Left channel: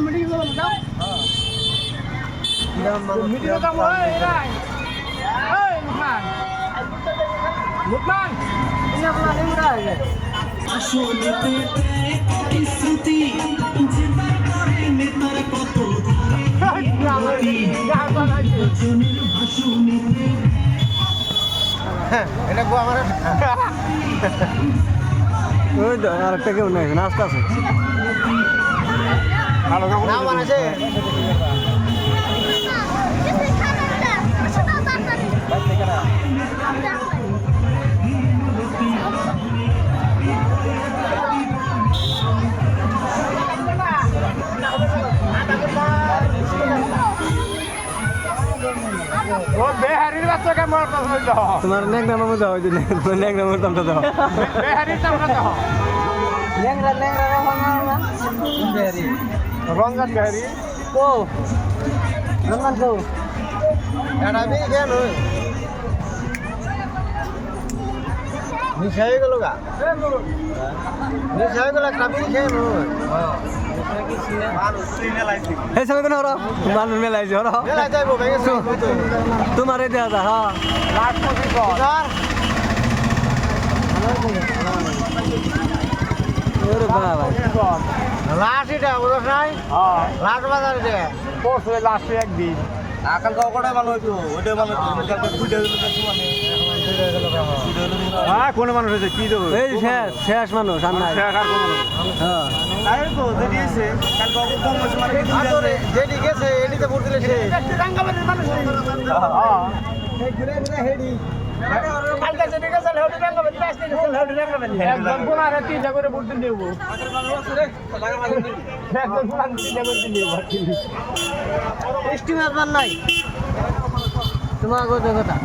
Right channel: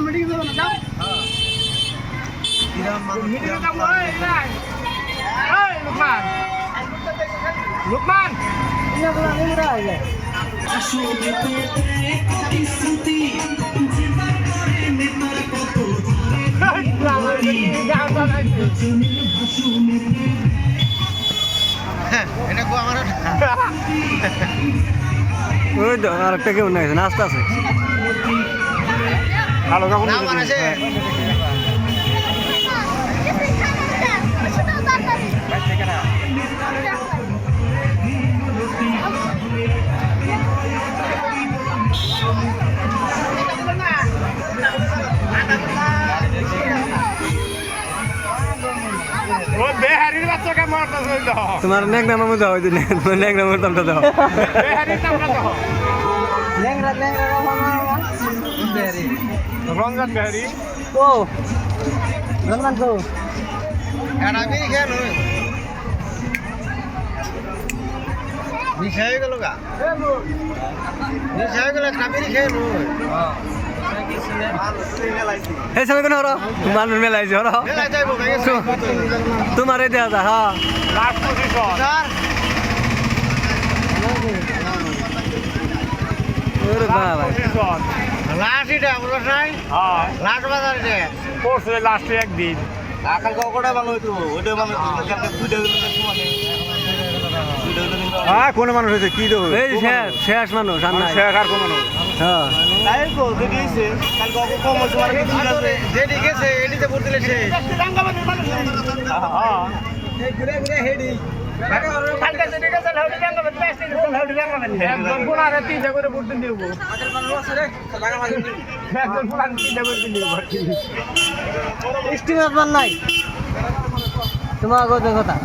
meeting যাবো না যাও মিটিং যাবো লুকমান লুকমান ওই তো আরেকটা কেউ নাই নাস্তা আছে তোমার নেক নামের মধ্যে হয় তোমার নেক নামের দামটা দাও রঙ্গন বেহারি ও রঙ্গন তো এটা বি খেয়ে নয় নিশা হয়ে গেল গা নিশা হয়ে গেল কাবিরি খেয়ে নয় এই সময় কেন হরো মানুষ মেলাইছে হরো তোমার এই দেওয়া যা হ্যাঁ ওরে বাবা লাস্ট এটা বুঝছ নাই লাস্ট বাজার এটা পরশু লাস্ট একদিন আকাল কটা ভালো হইতো ওইটা ভালো হইতো দুইটা হ্যাঁ কোন মানুষ হইছে কি দেব এই শেষ শেষ মানুষ আর নাই শেষ আর কোন মানুষ হ্যাঁ তাই তো যেটি আছে কাল কত কম হইছে মানে কি আছে যেটি গেছে এডিতে পড়তে লেছে রাঙ্গামাটির মানুষ হ্যাঁ এই ঘুরে ঘুরে হেডি কালকে যেটি গেছে হেডি রাঙ্গামাটি আসছে হেডি রাঙ্গামাটি একজন কোনারে তিনটা করে পড়তে দেব একজন কোনারে তিনটা করে দেব স্টিমার মান নাই তোমার কথা